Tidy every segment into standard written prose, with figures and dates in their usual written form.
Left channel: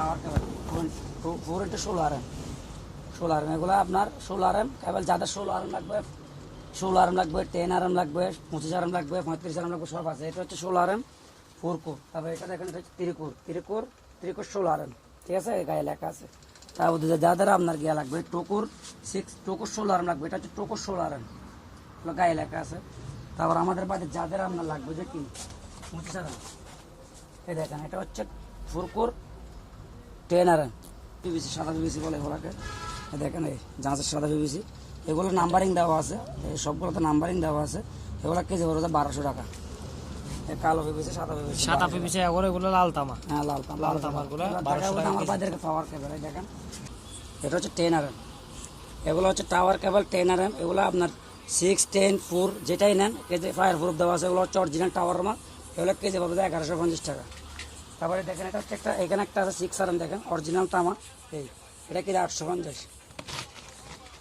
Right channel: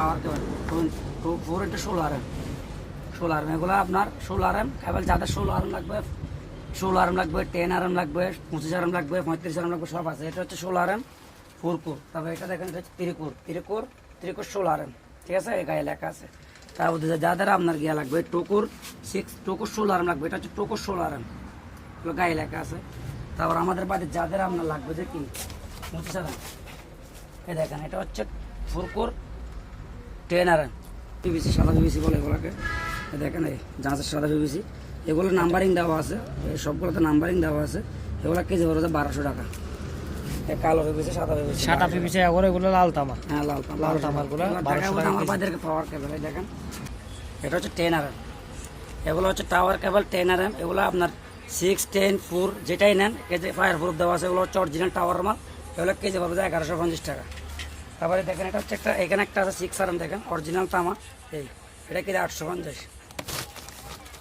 পাওয়ার কেবল 4x16 16 এগুলো আপনার 16 কেবল যাদের 16 লাগবে 16 লাগবে 10 লাগবে 25 লাগবে 35 লাগবে সব আছে। এটা হচ্ছে 16 4 কোর। তারপরে এটা দেখেন এটা হচ্ছে 3 কোর 16 ঠিক আছে, এই গায়ে লেখা আছে। তারপর যাদের আপনার গিয়া লাগবে 2 কোর 16 লাগবে, এটা হচ্ছে 2 কোর 16 এগুলো গায়ে লেখা আছে। তারপর আমাদের বাড়িতে যাদের আপনার লাগবে যে কি 25 এই দেখেন এটা হচ্ছে 4 কোর 10 পিভিসি, সাদা পিভিসি বলে এগুলোকে। দেখেন এই জাহাজের সাদা পিভিসি, এগুলো নাম্বারিং দেওয়া আছে, সবগুলোতে নাম্বারিং দেওয়া আছে। এগুলো কেজি পড়বে 1200 টাকা। কালো পিভিসি, সাদা পিভিসি, সাদা পিভিসি এগুলো লাল তামা। হ্যাঁ লাল তামাগুলো 1200 টাকা। আমার বাজারে পাওয়ার কেবল দেখেন এটা হচ্ছে 10 এগুলো হচ্ছে টাওয়ার কেবল 10 এগুলো আপনার 6, 10, 4 যেটাই নেন কেজি ফায়ার প্রুফ দেওয়া আছে। এগুলো হচ্ছে অরিজিনাল টাওয়ার মাল, এগুলো কেজি পড়বে 1150 টাকা। তারপরে দেখেন এটা হচ্ছে একটা, এখানে একটা আছে 6 দেখেন অরিজিনাল তামা, এই এটা কেজি 850।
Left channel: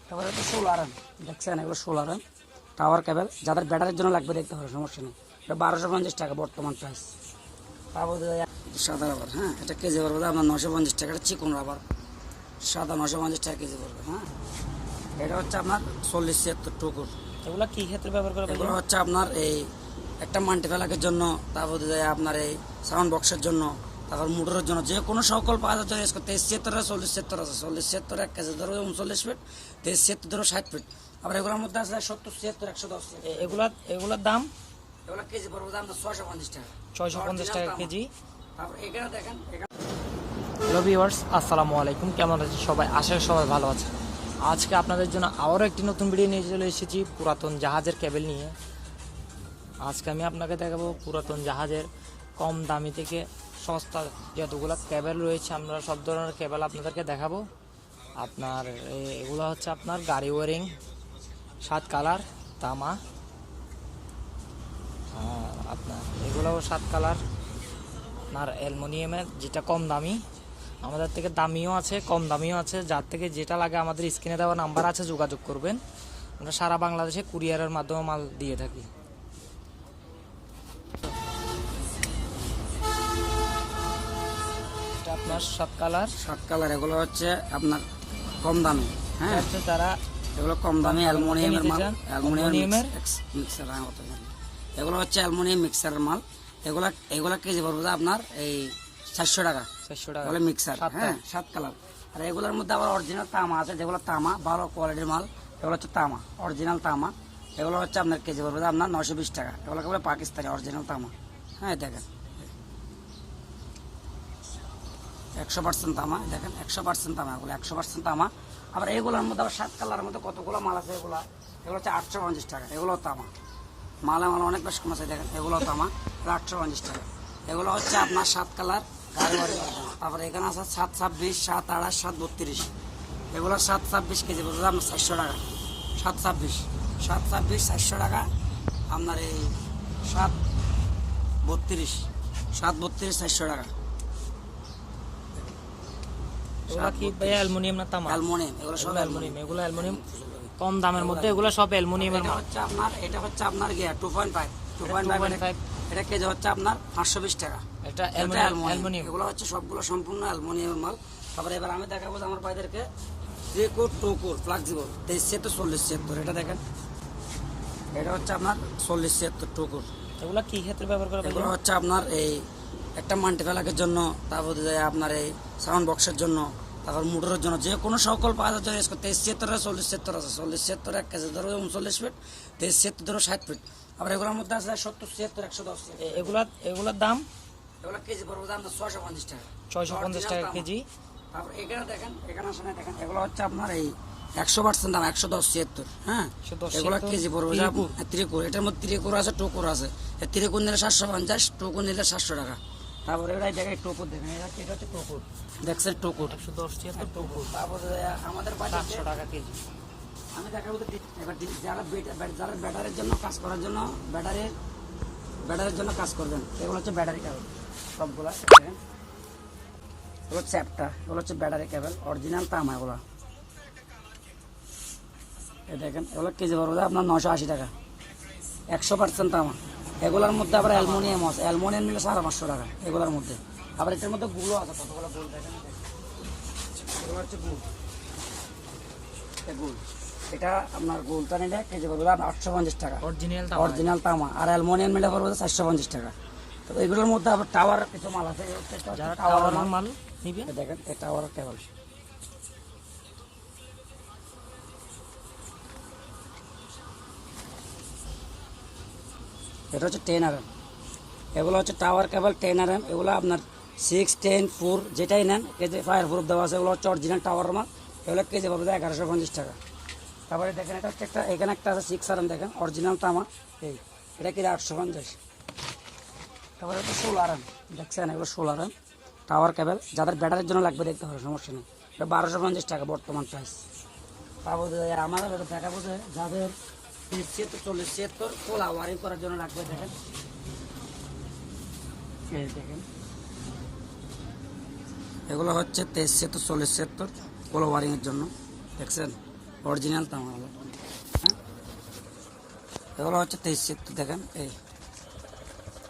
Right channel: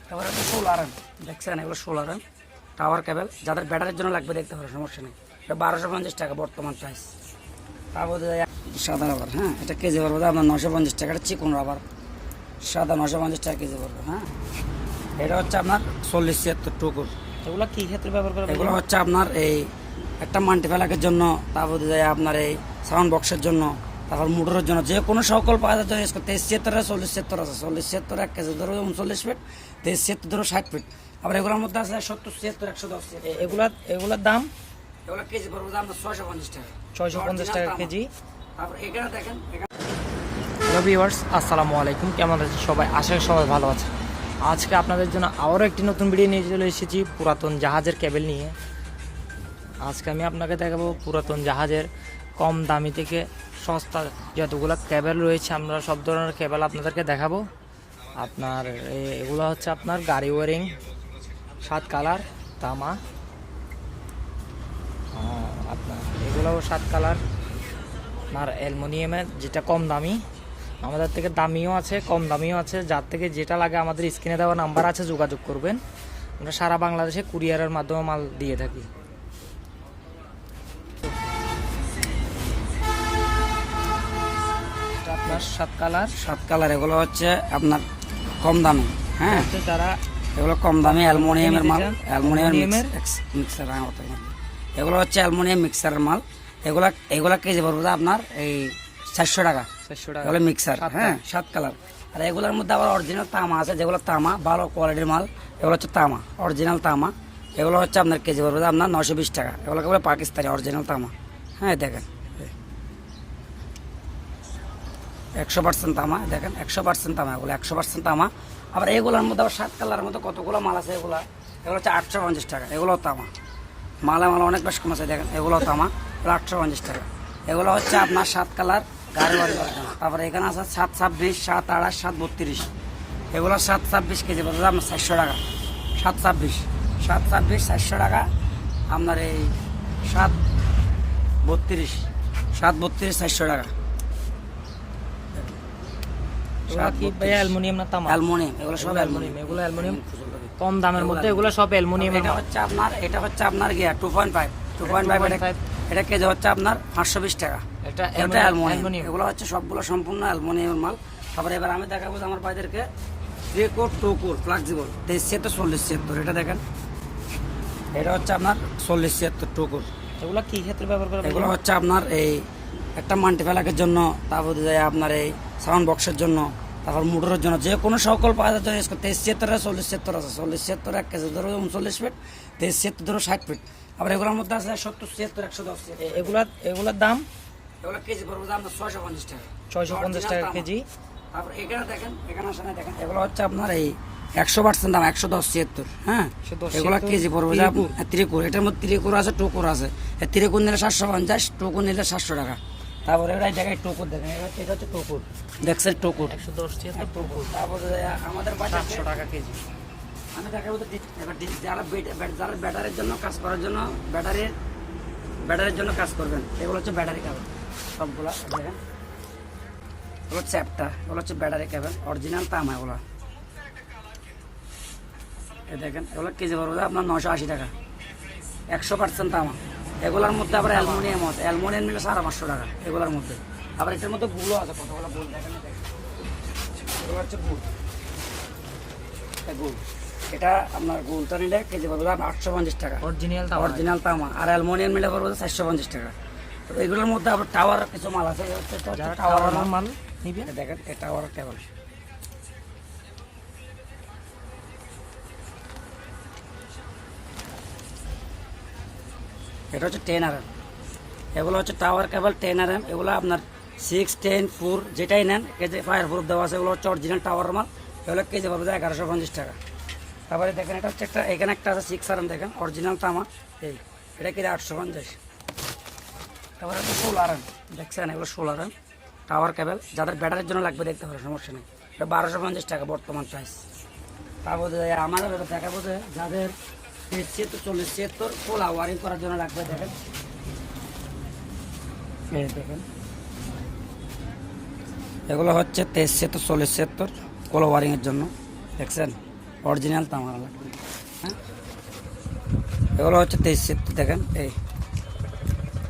তারপরে হচ্ছে 16 দেখছেন এগুলো 16 টাওয়ার কেবল, যাদের ব্যাটারির জন্য লাগবে দেখতে হবে, সমস্যা নেই। এটা 1250 টাকা বর্তমান প্রাইস। তারপরে সাদা রাবার, হ্যাঁ এটা কেজি পড়বে আপনার 950 টাকা। এটা চিকন রাবার সাদা 950 টাকা কেজি পড়বে। হ্যাঁ এটা হচ্ছে আপনার 40-76 টুকুর। এগুলো কি ক্ষেত্রে ব্যবহার করা? এগুলো হচ্ছে আপনার এই একটা মাল্টিপ্যালাকের জন্য, তারপরে আপনার এই সাউন্ড বক্সের জন্য, তারপর মোটরের জন্য, যে কোনো সকল পাওয়া যাচ্ছে। 23-76 আছে, 40-76 আছে। 40-76 এক কেজি ধরো 39 ফিট, 23-76 ধরো 60 ফিট। আবার এগুলোর মধ্যে আছে 70-76, 110। এগুলার দাম এগুলো কেজি পড়বে আপনার 650 টাকা। 650 টাকা কেজি। তারপর এখানে দেখেন হ্যালো ভিউয়ার্স, আসসালামু আলাইকুম। কেমন আছেন সবাই? আশা করি সবাই ভালো আছে। আজকে আপনাদের জন্য আবারও একটি নতুন ভিডিও নিয়ে চলে এসেছি পুরাতন জাহাজের কেবল নিয়ে। আজকে আমি আপনাকে দেখাবো পুরাতন জাহাজের কম দামি থেকে সস্তা যতগুলো কেবল রয়েছে, আমরা সব ধরনের কেবল আপনাদেরকে দেখাবো। আপনার এগুলো হচ্ছে আপনার গাড়ি ওয়ারিং 7 কালার তামা, আপনার এগুলো 7 কালার আপনার অ্যালুমিনিয়ামের, যেটা কম দামি। আমাদের থেকে দামিও আছে, কম দামিও আছে। যার থেকে যেটা লাগে আমাদের স্ক্রিনে দেওয়া নাম্বার আছে, যোগাযোগ করবেন। আমরা সারা বাংলাদেশে কুরিয়ারের মাধ্যমে মাল দিয়ে থাকি। এটা আপনার 7 কালার এগুলো হচ্ছে আপনার কম দামি। হ্যাঁ হচ্ছে যারা এগুলো কম দামি অ্যালুমিনিয়ামের মাল, অ্যালুমিনিয়ামের মিক্সার। এগুলো হচ্ছে অ্যালুমিনিয়াম মিক্সারের মাল। এগুলা কেজি পড়বে আপনার এই 400 টাকা। 400 টাকা এগুলো মিক্সার, হ্যাঁ 7 কালার। আর এগুলোর মধ্যে আবার অরিজিনাল তামা আছে, যেগুলো তামা ভালো কোয়ালিটির মাল। এগুলো হচ্ছে তামা, অরিজিনাল তামা। এগুলো হচ্ছে আপনার কেজি পড়বে আপনার 920 টাকা। এগুলো কেবল পাকিস্তানি অরিজিনাল তামা। হ্যাঁ দেখেন 100% তামা, দেখেন 100% তামা, এগুলো 100% তামা। আবার এগুলোর মধ্যে আবার 7 কালারের মধ্যে কতগুলো মাল আছে। এগুলো হচ্ছে 850 টাকা। এগুলো তামা, মাল অনেক বেশ কম আছে। দেখেন এগুলো তামা, 850 টাকা। এগুলো হচ্ছে আপনার 7 কালার গাড়ি বাড়ি। তারপরে এখানে আছে 726, 728, 732। এগুলো 726 কেজি পড়বে আপনার 400 টাকা। 726 400 টাকা। আপনার এই 732 400 টাকা। এগুলো কি ভাই অ্যালুমিনিয়াম না তামা? অ্যালুমিনিয়াম, এগুলো সব অ্যালুমিনিয়াম। এগুলো অ্যালুমিনিয়াম কম দামের মধ্যে, এগুলো সব অ্যালুমিনিয়ামের মাল। এটা হচ্ছে আপনার গিয়া 2.5। এটা কেজি হচ্ছে আপনার 520 টাকা। এটা অ্যালুমিনিয়াম। এগুলো হচ্ছে সবগুলো সম্পূর্ণ অ্যালুমিনিয়ামের মাল। তারপরে এবার আমি দেখাবো আমার ভাইদেরকে 3 কোর 2 কোর ফ্লেক্সিবল 23-76। এটা দেখেন এটা হচ্ছে আপনার 40-76 2 কোর। এগুলো কি ক্ষেত্রে ব্যবহার করা? এগুলো হচ্ছে আপনার এই একটা মাল্টিপ্যালাকের জন্য, তারপরে আপনার এই সাউন্ড বক্সের জন্য, তারপর মোটরের জন্য, যে কোনো সকল পাওয়া যাচ্ছে। 23-76 আছে, 40-76 আছে। 40-76 এক কেজি ধরো 39 ফিট, 23-76 ধরো 60 ফিট। আবার এগুলোর মধ্যে আছে 70-76, 110। এগুলার দাম এগুলো কেজি পড়বে আপনার 650 টাকা। 650 টাকা কেজি। তারপর এখানে দেখেন, এখানে আসলে দেখেন এগুলো হচ্ছে আপনার এই 100% দাম 110-76। হ্যাঁ এগুলো কেজি পড়বে 3 কোর। এটার মধ্যে 3 কোর আছে, 2 কোর আছে। 3 কোর নিলে 750, 2 কোর নিলে 700 টাকা। তারপরে এরা জায়গায় 2 কোর দেখেন, এটা হচ্ছে 2 কোর, দেখছেন 2 কোর 110-76 2 কোর। তারপরে আমাদের 700 টাকা কেজি। আমি দেখাবো এবার যারা ব্যাটারির জন্য কাজ করার জন্য, ব্যাটারির জন্য কাজ করবেন, এগুলো হচ্ছে ব্যাটারি কেবল সবগুলা। দেখেন এগুলো হচ্ছে একটা, এগুলো হচ্ছে ব্যাটারি কেবল অরিজিনাল তামা। এগুলো দেখেন এগুলো কেজি পড়বে আপনার 980 টাকা। 100% তামা। এগুলোর মধ্যে আবার অ্যালুমিনিয়াম আছে, অ্যালুমিনিয়াম নিলে 550 টাকা। এগুলোর মধ্যে আবার এটার মধ্যে গুলো আছে, কতগুলো গুল দেখেন, এগুলো হচ্ছে গুল, এটা গুল। এটা আপনার গুলটা নিলে কেজি পড়বে 850 টাকা অরিজিনাল তামা, আর অ্যালুমিনিয়াম নিলে পড়বে 450 টাকা। তো এগুলোর মধ্যে আবার টাওয়ার কিছু মাল আছে, টাওয়ার মাল নিবেন। দেখেন এটা টাওয়ার টেবল, এটা হচ্ছে 10 RM, এগুলো হচ্ছে টাওয়ার কেবল 10 RM। এগুলো আপনার 6, 10, 4 যেটাই নেন, কেজি ফায়ার প্রুফ দেওয়া আছে, এগুলো হচ্ছে অরিজিনাল টাওয়ার মাল। এগুলো কেজি পড়বে 1150 টাকা। তারপরে দেখেন এটা হচ্ছে একটা, এখানে একটা আছে 6 RM, দেখেন অরিজিনাল তামা, এই এটা কেজি 850। তারপরে হচ্ছে 16 RM, দেখছেন এগুলো 16 RM টাওয়ার কেবল, যাদের ব্যাটারির জন্য লাগবে দেখতে পারে, সমস্যা নেই। এটা 1250 টাকা বর্তমান প্রাইস। তারপরে আমাদের দেখাবো যে যাদের 40, 70 খোলা ওয়ারিং করার জন্য লাগবে, দেখেন দেখেন এগুলো হচ্ছে 73, 40, 70 খোলা ওয়ারিং এর জন্য, দেখছেন অরিজিনাল তামা। হ্যাঁ, এগুলো হচ্ছে 73, দেখেন এই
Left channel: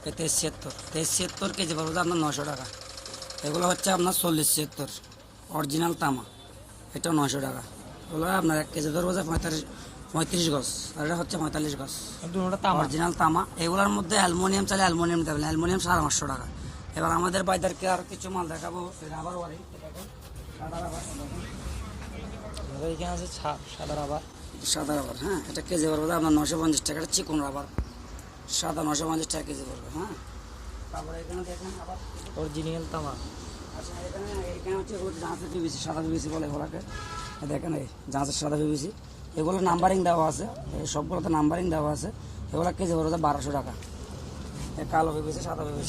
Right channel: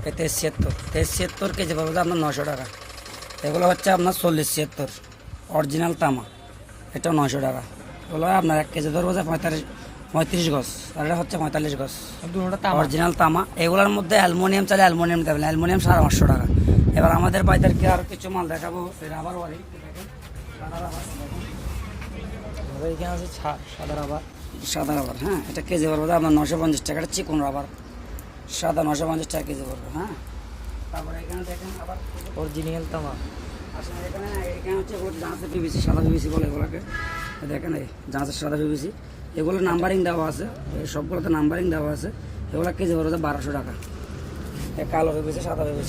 73 কেজি পড়বে আপনার 900 টাকা। এগুলো হচ্ছে আপনার 40, 70 অরিজিনাল তামা, এটা 900 টাকা। এগুলো আপনার 1 কেজি ধরবো যে 35 গজ, আর এটা হচ্ছে 45 গজ, অরিজিনাল তামা। এগুলোর মধ্যে অ্যালুমিনিয়াম চাইলে অ্যালুমিনিয়াম দেবেন, অ্যালুমিনিয়াম 550 টাকা। এবার আমাদের বাইদেরকে আর কিছু মাল দেখাবো, রাবার ওয়ারিং, দেখেন সাদা রাবার, এখানে আছে সাদা রাবার, হ্যাঁ এটা কেজি পড়বে আপনার 950 টাকা। এটা চিকন রাবার সাদা, 950 টাকা কেজি পড়বে। হ্যাঁ, তারপরে এখানে দেখেন আবার অরিজিনাল তামা। আচ্ছা, এখানে হচ্ছে জাহাজের পিভিসি, সাদা পিভিসি বলে এগুলোকে, দেখেন এই জাহাজের সাদা পিভিসি, এগুলো নাম্বারিং দেওয়া আছে, সবগুলোতে নাম্বারিং দেওয়া আছে। এগুলো কেজি পড়বে 1200 টাকা। কালো পিভিসি,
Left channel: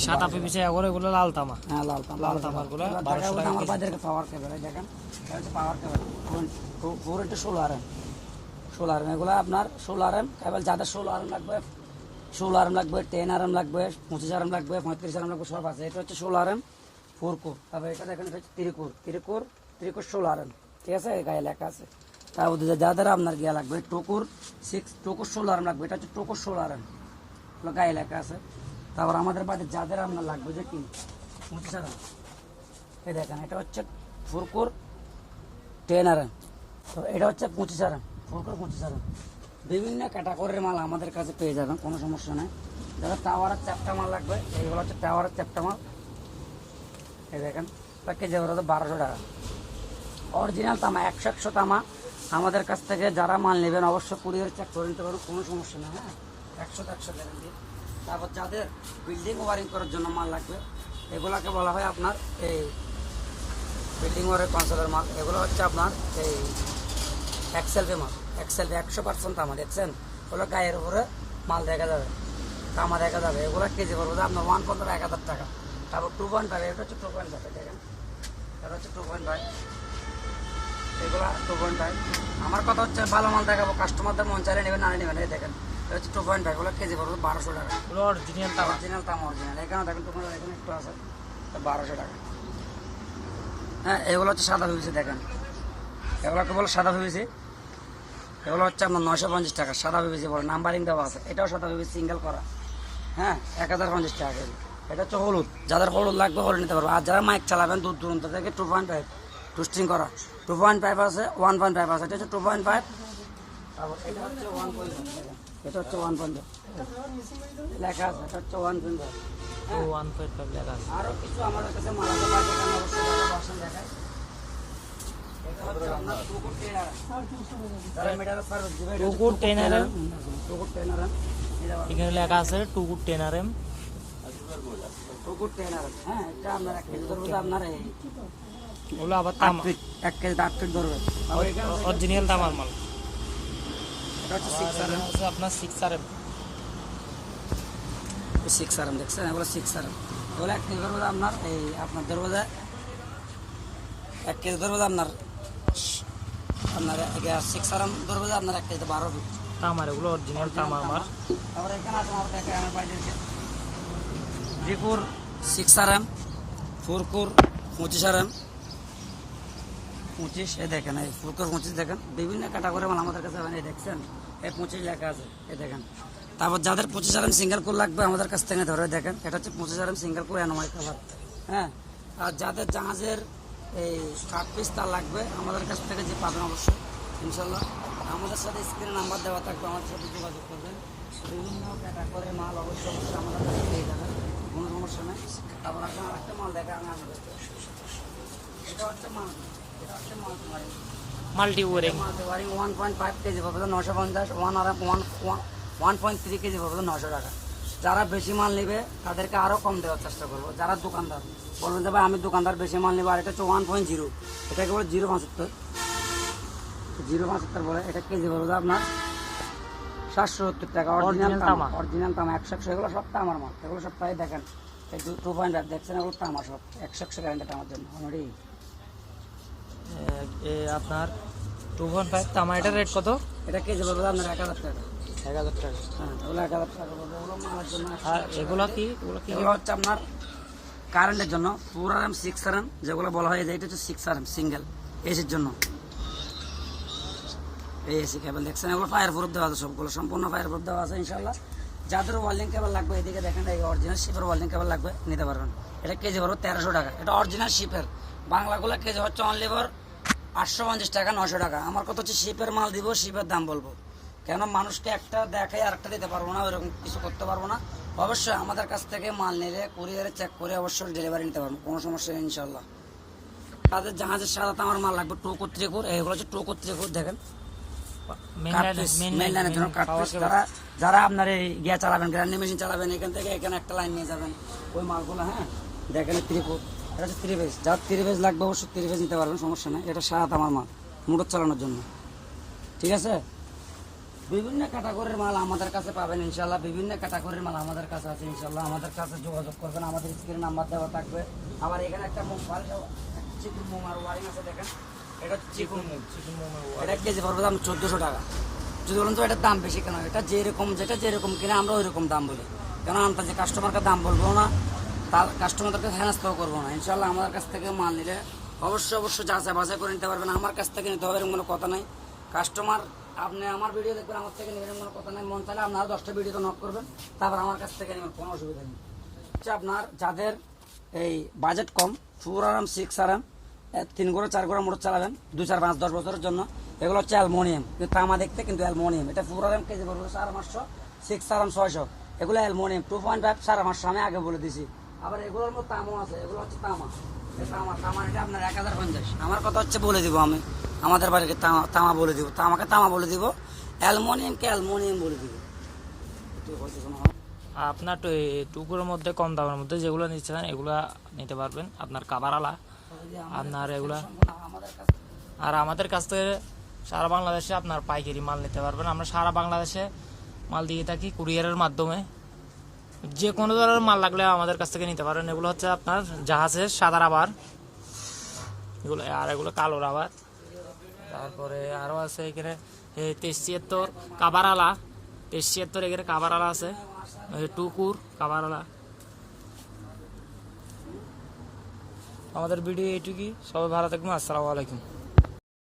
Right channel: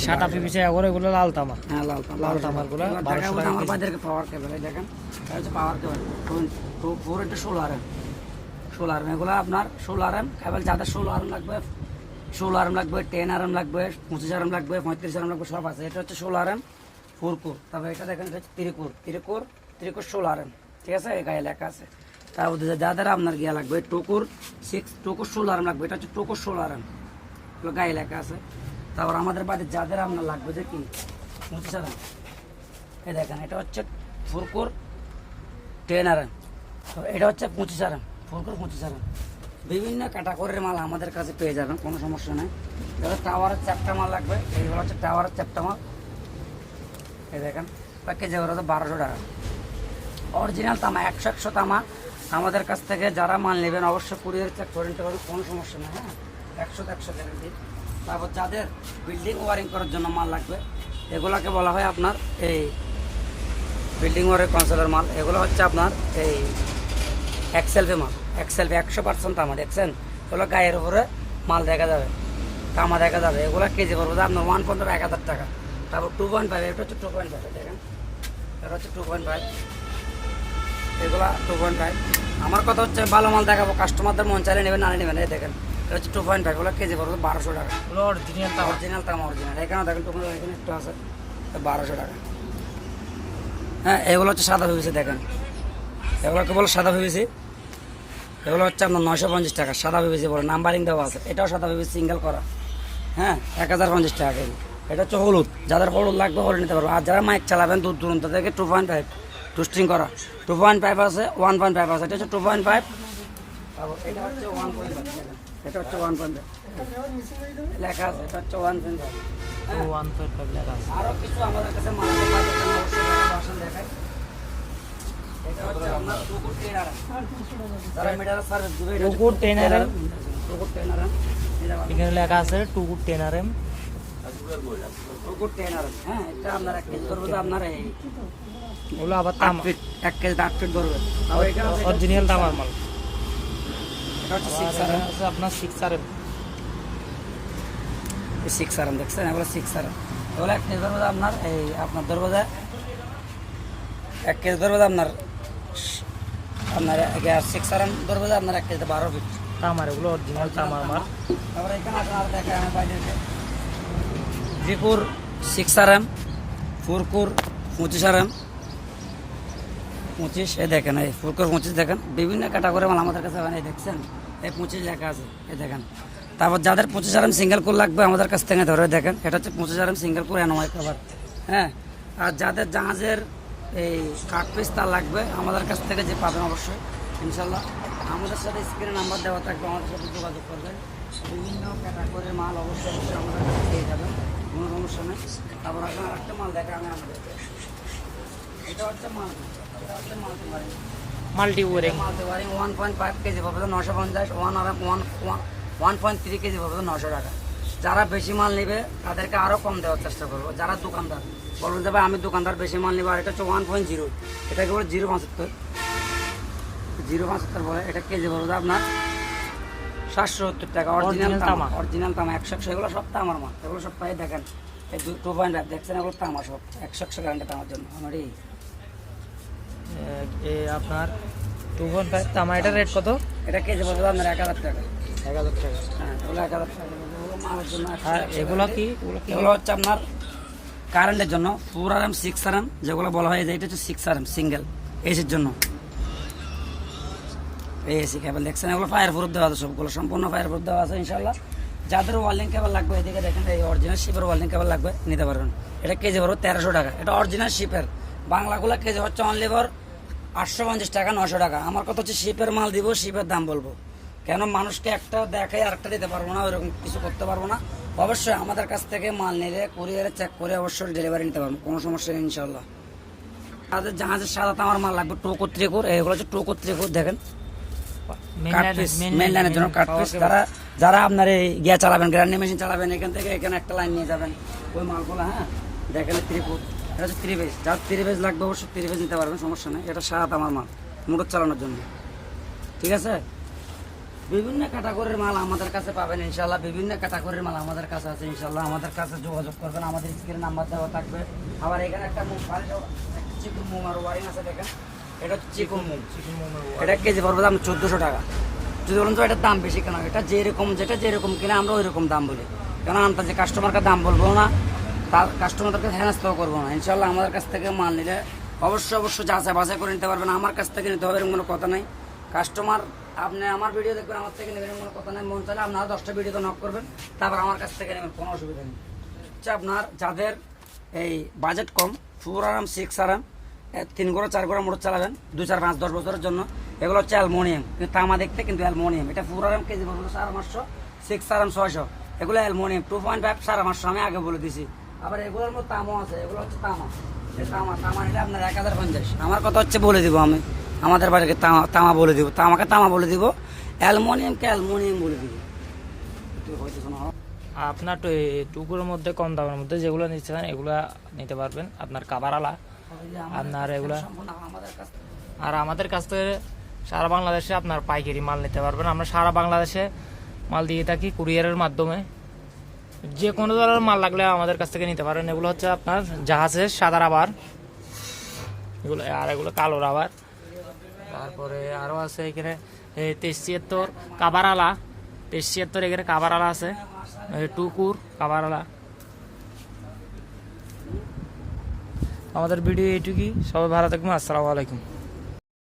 সাদা পিভিসি, এগুলো লাল তামা। হ্যাঁ লাল তামার গুলো 1200 টাকা। আমার বাজারে পাওয়ার কেবল, দেখেন এটা হচ্ছে পাওয়ার কেবল 4 into 16 RM, 16 RM। এগুলো আপনার 16 RM কেবল, যাদের 16 RM লাগবে, 16 RM লাগবে, 10 RM লাগবে, 25 RM লাগবে, 35 RM লাগবে, সব আছে। এটা হচ্ছে 16 RM 4 কোর। তারপরে এটা দেখেন, এটা হচ্ছে 3 কোর 16 RM, ঠিক আছে, এই গায়ে লেখা আছে। তারপর যাদের আপনার গিয়া লাগবে 2 কোর 16 RM লাগবে, এটা হচ্ছে 2 কোর 16 RM, এগুলো গায়ে লেখা আছে। তারপর আমাদের বাড়িতে যাদের আপনার লাগবে যে কি 25 RM, এই দেখেন এটা হচ্ছে 4 কোর 10 RM, তো এটা হচ্ছে 25 RM, 4 কোর 25 RM। বিভিন্ন ক্যাটাগরির মাল আমাদের কাছে পেয়ে যাবেন, কোনো সমস্যা নেই। যারা টাওয়ারের চ্যাপ্টা মাল লাগবে, এইগুলো হচ্ছে টাওয়ারের চ্যাপ্টা মাল, এই দেখেন কেজি ওরা তো 1200 টাকা। অরিজিনাল তামা 100 তামা আমাদের কাছ থেকে যারা মাল নেবেন অবশ্যই কুরিয়ার চেক করে নিতে পারবেন, কোনো সমস্যা নেই। হ্যাঁ, 100 গ্যারান্টি। তারপর যাদের বিল্ডিং ওয়ারিং করার জন্য মাল লাগবে, এগুলাকে বলা হয় আপনার এই বিল্ডিং ওয়ারিং কনসোলের মাল। এগুলো হচ্ছে আপনার এই এক্সেলভি মাল, এক্সেলভি 100% তামা, দেখছেন ওগুলো গায়ের উপরে মাল দেখা যাবে, তামা দেখা যাবে। এগুলো কেজি পড়বে আপনার 1.15 1000 টাকা। তারপর 2.5, এটা হচ্ছে 2.5, দেখেন এটা হচ্ছে 2.5, এগুলা 2.5। আমার কথা হচ্ছে ভালো মাল দেখাবো, কাস্টমারদের মন চাইলে নেবেন, না নেবেন। এই দেখেন এটা হচ্ছে 2.5, এগুলো কেজি পড়বে 1200 টাকা। অরিজিনাল তামা, অরিজিনাল। এখানে দেখেন 2.5, এখানে একটু আছে 1200 টাকা। হ্যাঁ, এগুলো হচ্ছে সাদা পিভিসি, দেখেন এগুলোকে বলে সাদা পিভিসি, এগুলো হচ্ছে আপনার 950 টাকা। সাদা পিভিসি বলে, নাম্বারিং দেওয়া আছে, এটাও সাদা পিভিসি সিঙ্গেল করা। হ্যাঁ, 1050 টাকা কেজি। এটা হচ্ছে হলুদ, যাদের হলুদ লাগবে হলুদ নিতে পারবে। আর যারা মাইক চালাবেন দূর দূরান্ত থেকে 2.5 টুস্টিং করা, 2.5 আছে, 1.5 আছে। এটা হচ্ছে 2.5, তারপর এটা হচ্ছে 1.5, এটা হচ্ছে 1.5 লেখা আছে, এটা হচ্ছে 1.5। 1.5 লেখা আছে। আরো কিছু আমাদের কাছে মাল আছে, দোকানে অবশ্যই বাসন দেখায়। এটা হচ্ছে আপনার 2 কোর 10 RM, যারা মিটার সার্ভিস দিবে 2 কোর 10 RM, 2 কোর 10 RM, এখানে লেখা আছে 2 কোর 10 RM, 2 কোর 10 RM। হ্যাঁ, এটা আপনার 1 কেজি ধরবে, আপনার এই ওগুলো আবার তামা, 1 কেজি 8 ফিট ধরবে। আর এখানে অরিজিনাল তামার মাল। এটা হচ্ছে 6 এখানে RM, আছে আপনার 6 RM, 6 RM, দেখছেন এগুলো 6 RM। এগুলো 1 কেজি ধরবে আপনার এই আপনার ধরবে 1 কেজি ধরবে আপনার 6 RM ধরবে আপনার 1 কেজি 12 ফিট তামার, এগুলো অরিজিনাল তামার মাল। তারপরে এখানে আছে আর দেখেন আমার বাইরে 3 কোর 6 RM, 4 কোর 25 RM, 25, এই দেখেন এই 4 কোর 25, দেখেন বিভিন্ন ক্যাটাগরি মাল আমাদের কাছে এই দেখছেন এই 25 লেখা আছে, এই দেখেন। তারপর যাদের 25 RM সিঙ্গেল কোর লাগবে আমাদের কাছ থেকে ধরে দেখেন, এটা হচ্ছে 25 RM single core NY cover. হ্যাঁ, আর যাদের জাহাজের এই কাঠ পিস তার লাগবে আমাদের কাছ থেকে যে পাবেন অবশ্যই ইনশাল্লাহ। আমাদের সাথে স্ক্রিনে নাম্বার দেওয়া থাকবে, আমাদের সাথে যোগাযোগ করবেন। বিভিন্ন ক্যাটাগরির মাল অবশ্যই অবশ্যই আমাদের কাছে পেয়ে যাবেন, কোনো সমস্যা নেই। তারপর আপনার আরেকটা মাল দেখে আমি আনবো। এটা হচ্ছে মাল, এটা হচ্ছে multi wiring. Multi wiring 1.5 KG পাবে 950, 1.3 কেজি পাবে 900 টাকা। যারা বেশি মাল নেবে তাদেরকে আরো কম দেওয়ার চেষ্টা করবো। যারা দোকানদার বলবেন যে ভাই আমি দোকানদার বেশি মাল নেবো, আর এটা হচ্ছে 1.0, এটাকে বলে 0.75 বলে। এটা কেজি পড়বে আপনার 770 টাকা। অরিজিনাল তামা, অরিজিনাল তামা 100 এগুলো সব তামার মাল, এগুলো সব প্রায় দেখেন এই 2.5 দেখছেন, এগুলো তামা সব 100 গ্যারান্টি তামার জন্য আমার এই আপনার 2.5 তামা। এটার রেট কত? এটা কেজি পড়বে আপনার 1000 টাকা। 1000 টাকা। হ্যাঁ, ওগুলো 1000 টাকা পড়বে। ওগুলো মালের জন্য। আর এগুলো কি? এগুলো হচ্ছে আপনার কারেন্টের জন্য 4RM 6RM যেগুলো বলা হয়, যে এটা হচ্ছে 6RM সিঙ্গেল এসির জন্য। এই এসি কেবল দেখছেন, এগুলো ফায়ার প্রুফ দেওয়া আছে, সবগুলো সম্পূর্ণ ফায়ার প্রুফ দেওয়া আছে ইনশাল্লাহ। যাদের ওয়ার্ল্ডিং কেবল লাগবে এদিকে দেখেন, এই অরিজিনাল শিপের ওয়ার্ল্ডিং কেবল লাগবে নিতে পারবেন। এটা কেজি পড়বে 1300 টাকা। এটা অরিজিনাল শিপের, বাংলাগুলো কেজি হচ্ছে অনলি ফর 850 টাকা, 900 টাকা। আমার কথা হচ্ছে শিপের মাল দিব, শিপের দাম বলবো, কেন মানুষকে একটা দেখাই আরেকটা দিতে পারবো না, ওইরকম কিছু করতে পারবো না। অবশ্যই আমাদের কাছ থেকে মাল নিলে কুরিয়ারে চেক করে অবশ্যই ডেলিভারি নিতে পারবো, কোনো সমস্যা নেই ইনশাল্লাহ। তাদের জাহাজের সাদা তামার মাল লাগবে 2 কোর 3 কোর, এগুলো হচ্ছে 2 কোর 3 কোর দেখেন, মেইন লাইনের জন্য কাট পিস। যারা আপনার এই গিয়া চালাবেন, গ্রাইন্ডিং মেশিন চালাবেন, এখান থেকে এখানে একটা লাইন নিয়ে যাবেন ওই মালগুলো। হ্যাঁ দেখেন 3 কোর, এটা হচ্ছে 3 পেজ। যার 3 পেজ লাগবে অবশ্যই 3 পেজ নিতে পারবেন, সমস্যা নেই। এটা সাদা তামার মাল মোটর চালানোর জন্য, ঠিক আছে। বিভিন্ন ক্যাটাগরির মাল আমাদের কাছে পাবেন ইনশাল্লাহ, বিভিন্ন ক্যাটাগরির মাল আমাদের কাছে আছে ইনশাল্লাহ। আমাদের কাছে যোগাযোগ করবেন, আমাদের স্ক্রিনে নাম্বার দেওয়া থাকবে। আবার এখানে একটা চিকুন মোম আর ওয়ারিং আছে দেখেন, এটা হচ্ছে চিকুন মোম। এটা কেজি পড়বে দাম 1400 টাকা। যদি বলুন তো এটার দাম বেশি কেন, এটা যেটা যেরকম কিনা আমরা ওই রকম দাম বলি, কেন আমরা যে কাস্টমারকে দাম বলবো না, তার কাস্টমারদেরকে হেনস্থাও করবো না ইনশাল্লাহ। আমাদের কাছ থেকে মাল নিলে অবশ্যই যাচাই বাছাই করে নিতে পারবেন। আমার কাছ থেকে নিতে হবে এরকম কোনো কথা নাই। কাস্টমার আপনি আমার ভিডিও দেখবেন, আমার থেকে নেবেন কোনো কথা নাই। মন চাইলে আপনারা 10টা ভিডিওতে নক করবেন, তারপর আমার কাছ থেকে নেবেন, কোনো অসুবিধা নেই। আচ্ছা, আপনার যাদের এই বাজেট কম, 4RM 6RM 3 গোড়া 4 গোড়া মোটর চালাবেন 2, 4, 5, 10 বছরের জন্য, এগুলো হচ্ছে অ্যালমোনিয়াম, কিন্তু তামা দেখতে কিন্তু অ্যালমোনিয়াম। এটা 4RM কেজি পড়বে 550, 6RM 600, এগুলো অ্যালমোনিয়াম 2.5 550 আমি আগে বলে দিছি। আবার এগুলোর মধ্যে তামা আছে, এগুলো হচ্ছে তামা। তামা নিলে আপনার 1050। আমার কথা হচ্ছে বলে দিব, আমি আমাদের বাড়িকে তামা বলে দিব, তামাকে তামা বলে দিব, অ্যালমোনিয়ামকে অ্যালমোনিয়াম বলে দিব। আপনার টুকুরের মধ্যে কম দামের মধ্যে যেগুলো নিতে চান এগুলো নিতে পারবেন। আপনার কাভারালা আপনার এগুলা, আর আমাদের কাছ থেকে সারা বাংলাদেশে আপনার পাইকারি মাল নিতে পারবেন। আমরা সারা বাংলাদেশে মাল দিয়ে থাকি কুরিয়ারের মাধ্যমে। যে কোনো ধরনের মাল লাগলে আমাদের কাছ থেকে নিতে পারেন। এগুলো হচ্ছে আপনার জাহাজের সাদা রাবার, এগুলো আর এগুলো কালো রাবার। তারপরে আরও আছে এখানে 2376 কাভারালা, 2376 এখানে কাভারালা আছে, টুকুর কাভারালা। আমাদের ভিডিও এইটুকুই, সবাই ভালো থাকবেন, আসসালামু আলাইকুম।